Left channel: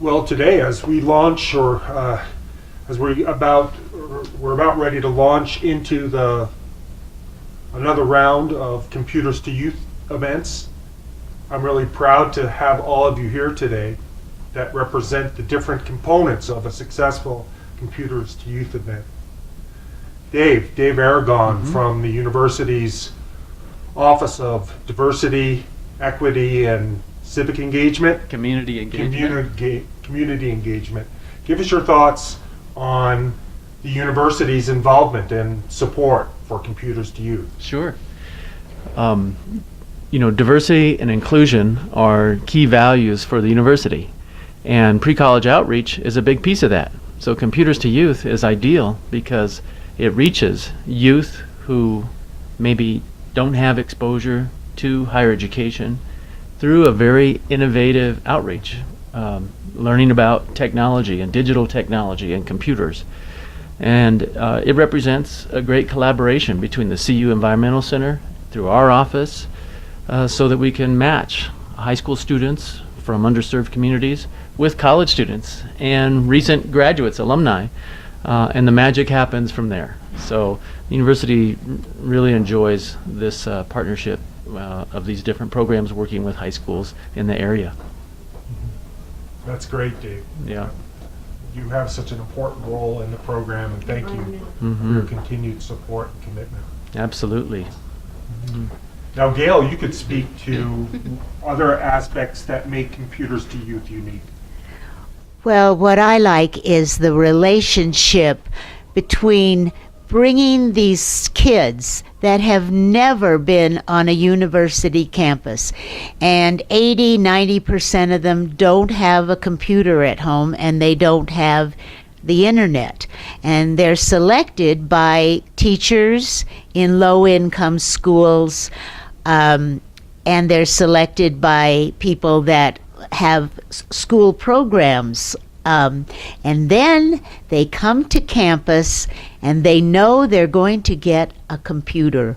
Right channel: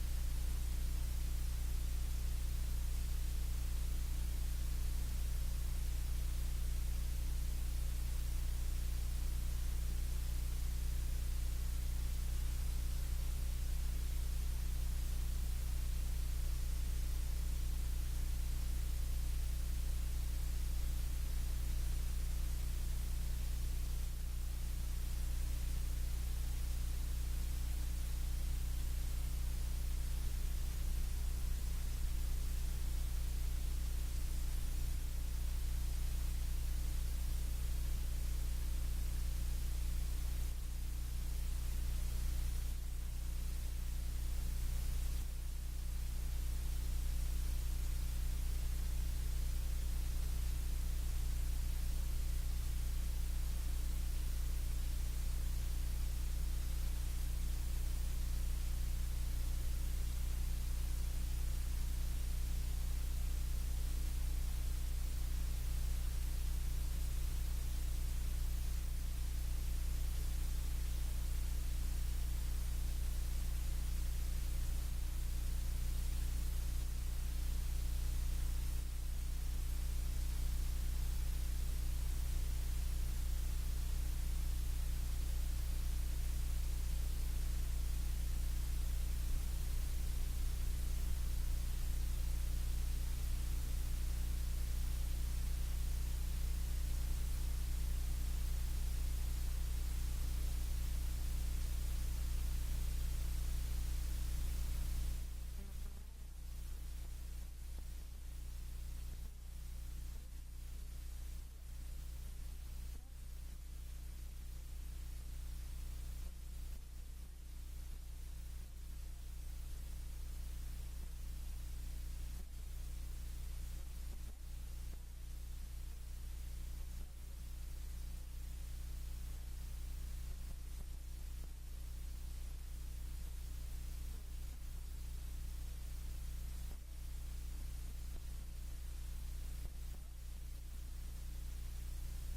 Well, today, as we launch, or as we're about ready to launch into the another round of Computers to Youth events, I'm really proud to have all of you here today that represent the different components of a successful Computers to Youth event. Dave Aragon from the university's Office of Diversity, Equity, and Civic Engagement. Community engagement. Community engagement. Give us your thoughts on the university's involvement and support for Computers to Youth. Sure. Diversity and inclusion are key values for the university, and pre-college outreach is a big piece of that. So Computers to Youth is ideal because it reaches youth who maybe don't have exposure to higher education through a very innovative outreach, learning about technology and digital technology and computers. And it represents a great collaboration between the CU Environmental Center through our office so that we can match high school students from underserved communities with college students and recent graduates, alumni, and the magic happens from there. So the university really enjoys this partnership of these different programs working with high schools in the area. That's great, Dave. Yeah. You have such an important role in the program, and thank you for your continued support and commitment. Absolutely. Now, Gail, you could speak to other aspects that make Computers to Youth unique. Well, what I like is the relationship between bringing these kids that have never been on a university campus, and 80-90% of them don't have a computer at home and they don't have the internet, and they're selected by teachers in low-income schools, and they're selected by people that have school programs, and then they come to campus and they know they're going to get a computer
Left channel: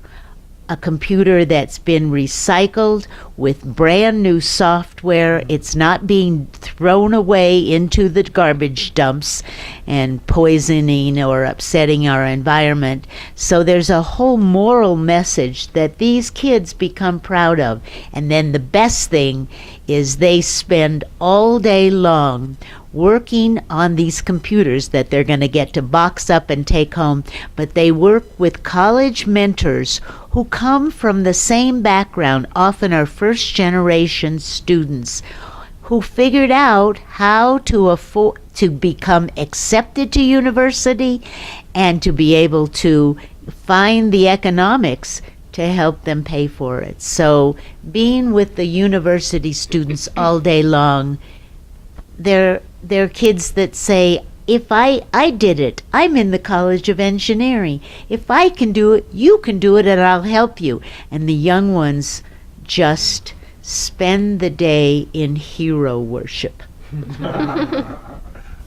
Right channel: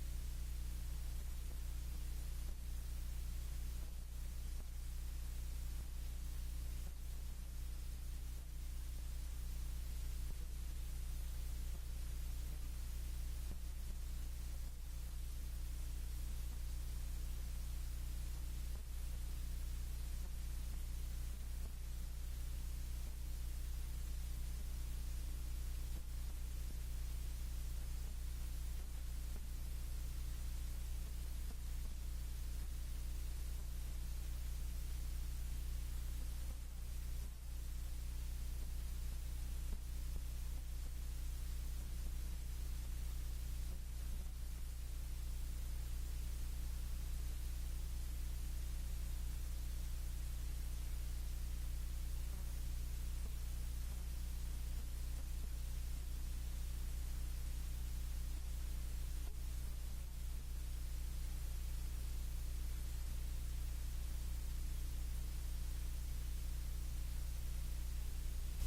that's been recycled with brand new software. It's not being thrown away into the garbage dumps and poisoning or upsetting our environment. So there's a whole moral message that these kids become proud of. And then the best thing is they spend all day long working on these computers that they're going to get to box up and take home, but they work with college mentors who come from the same background, often are first generation students who figured out how to become accepted to university and to be able to find the economics to help them pay for it. So being with the university students all day long, they're kids that say, if I did it, I'm in the College of Engineering. If I can do it, you can do it, and I'll help you. And the young ones just spend the day in hero worship.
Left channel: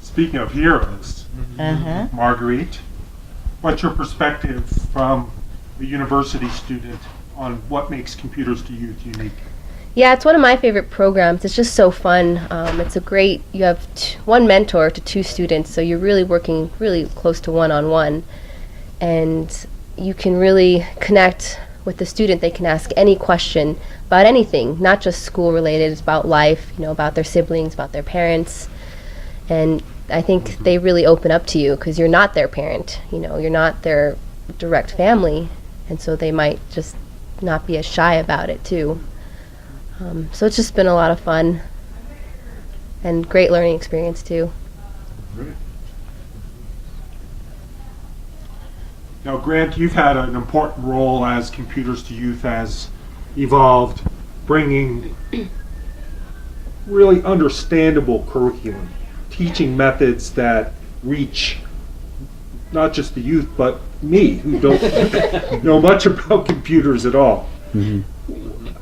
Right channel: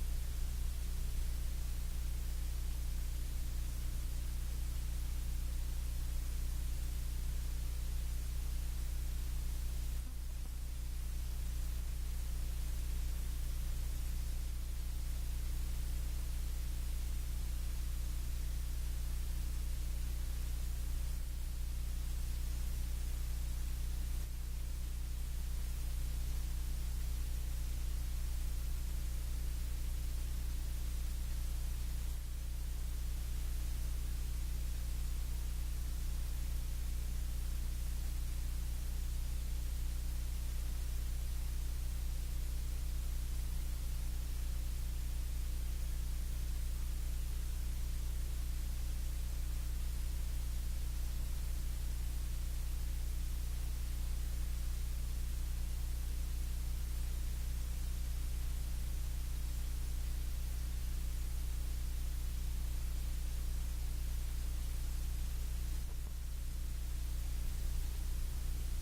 Speaking of heroes, Marguerite, what's your perspective from a university student on what makes Computers to Youth unique? Yeah, it's one of my favorite programs. It's just so fun. You have one mentor to two students, so you're really working really close to one-on-one. And you can really connect with the student. They can ask any question about anything, not just school related. It's about life, about their siblings, about their parents. And I think they really open up to you because you're not their parent. You're not their direct family. And so they might just not be as shy about it, too. So it's just been a lot of fun and great learning experience too. Great. Now, Grant, you've had an important role as Computers to Youth has evolved, bringing really understandable curriculum, teaching methods that reach not just the youth, but me, who don't know much about computers at all.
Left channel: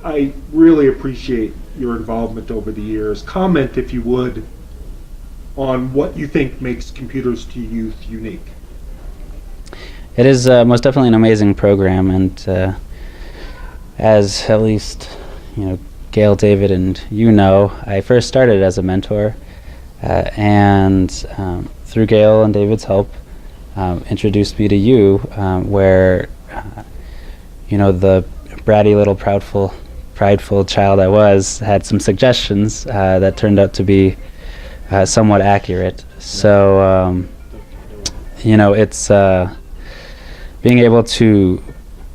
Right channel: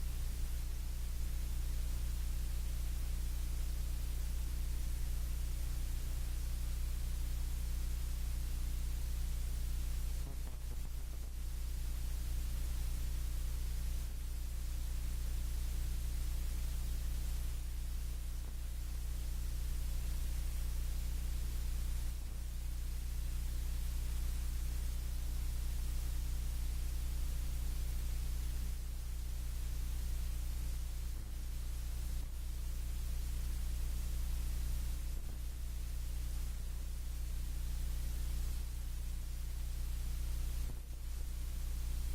I really appreciate your involvement over the years. Comment, if you would, on what you think makes Computers to Youth unique. It is most definitely an amazing program, and as at least Gail, David, and I first started as a mentor and through Gail and David's help, introduced me to you, where the bratty little prideful child I was had some suggestions that turned out to be somewhat accurate. So it's being able to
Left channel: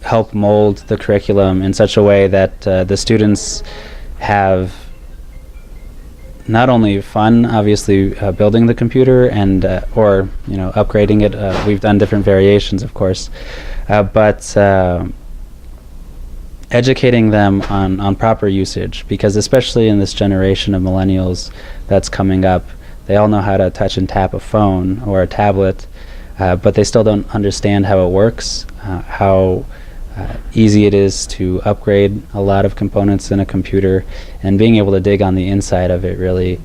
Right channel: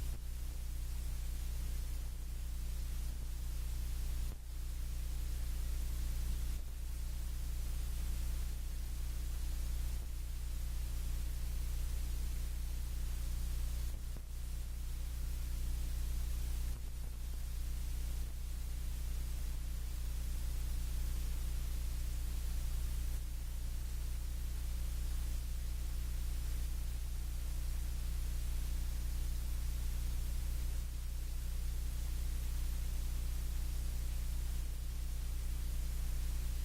help mold the curriculum in such a way that the students have not only fun, obviously, building the computer and or upgrading it. We've done different variations, of course, but educating them on proper usage, because especially in this generation of millennials that's coming up, they all know how to touch and tap a phone or a tablet, but they still don't understand how it works, how easy it is to upgrade a lot of components in a computer, and being able to dig on the inside of it really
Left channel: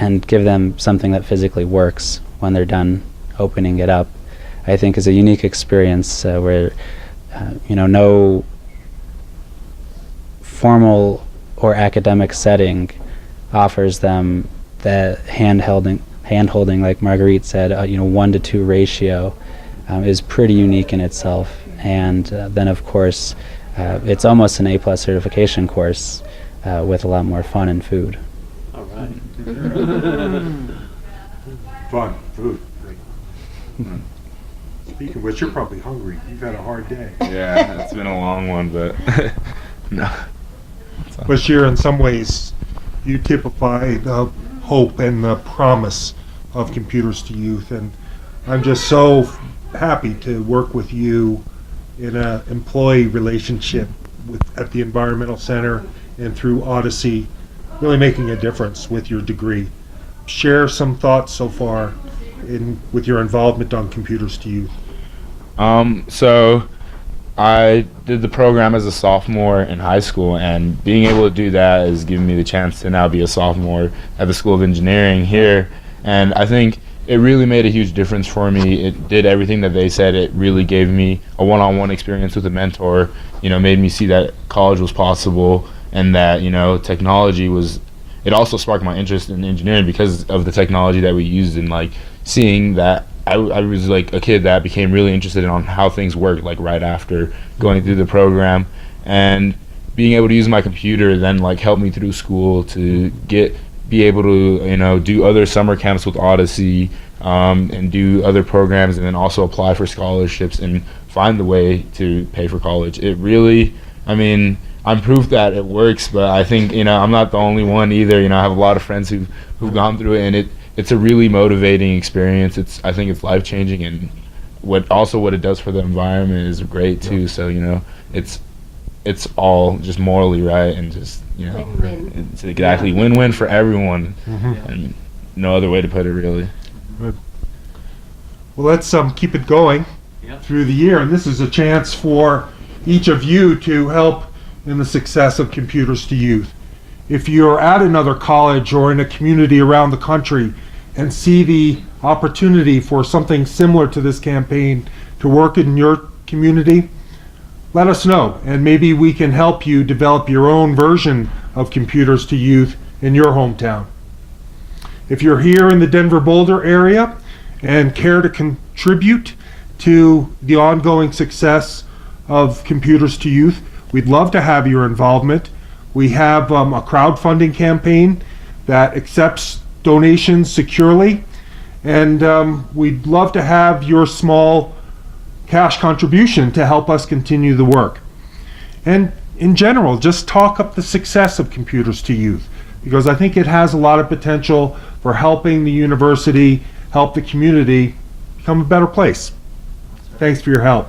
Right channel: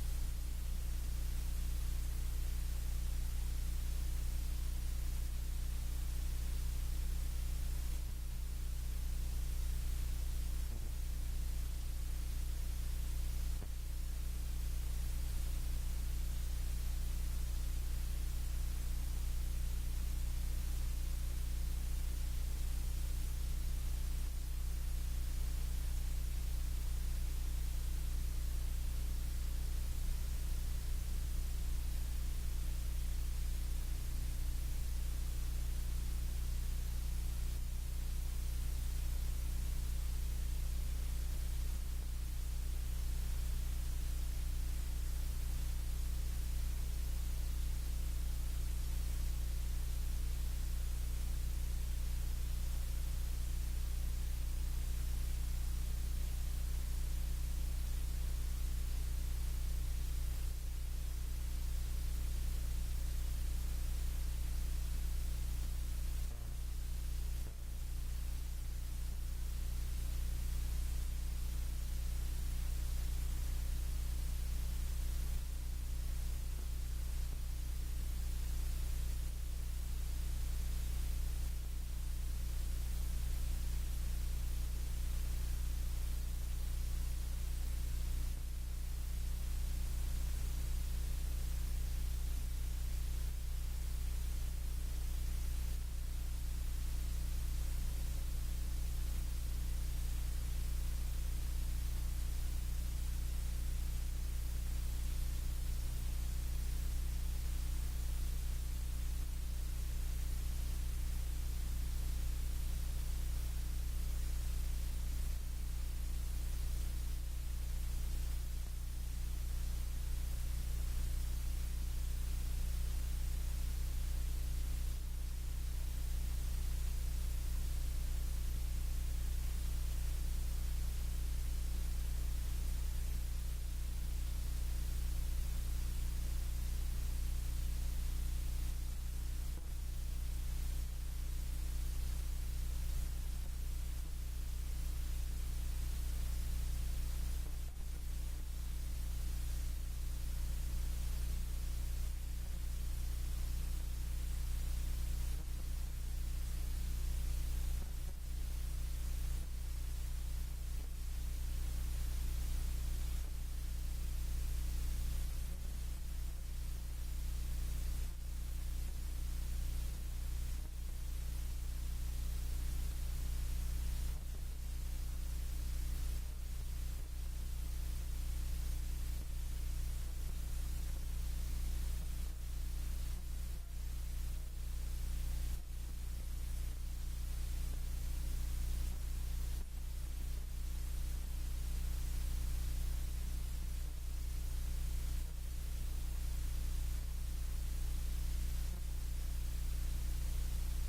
and give them something that physically works when they're done opening it up, I think is a unique experience where no formal or academic setting offers them that hand-holding, like Marguerite said, 1-to-2 ratio is pretty unique in itself. And then, of course, it's almost an A+ certification course with a lot more fun and food. All right. Fun, food. Speaking of which, you're probably hungry. You've had a hard day. Yeah, it's been a long one, but no. Bashir, in some ways, you typify the hope and the promise of Computers to Youth, and I'm just so happy to work with you in an employee relationship at the Environmental Center and through Odyssey, really making a difference with your degree. Share some thoughts so far with your involvement on Computers to Youth. So I did the program as a sophomore in high school, and being able to do that has given me the chance to now be a sophomore at the School of Engineering here. And I think it really made a huge difference for me. It did everything that they said. It really gave me a one-on-one experience with a mentor, made me see that college was possible, and that, technology was, it also sparked my interest in engineering because of the technology that we used, and like seeing that I was like a kid that became really interested in on how things work, like right after going through the program, and being able to use my computer then like helped me through school to be able to do other summer camps with Odyssey, and do other programs, and then also apply for scholarships and find the way to pay for college. It really, I'm proof that it works, but I think I'm not the only one either. I have a lot of friends who've gone through it, and it's a really motivating experience. I think it's life-changing, and what it does for the environment is great too. So it's all just morally right, and just Win-win. it's exactly win-win for everyone, and no other way to put it really. Good. Well, let's keep it going through the year, and this is a chance for each of you to help in the success of Computers to Youth. If you're at another college or in a community around the country and see the opportunity for something similar to this campaign to work in your community, let us know, and maybe we can help you develop your own version of Computers to Youth in your hometown. If you're here in the Denver-Boulder area and care to contribute to the ongoing success of Computers to Youth, we'd love to have your involvement. We have a crowdfunding campaign that accepts donations securely, and we'd love to have your small cash contribution to help us continue the work. And in general, just talk up the success of Computers to Youth, because I think it has a lot of potential for helping the university, help the community become a better place. Thanks for your help.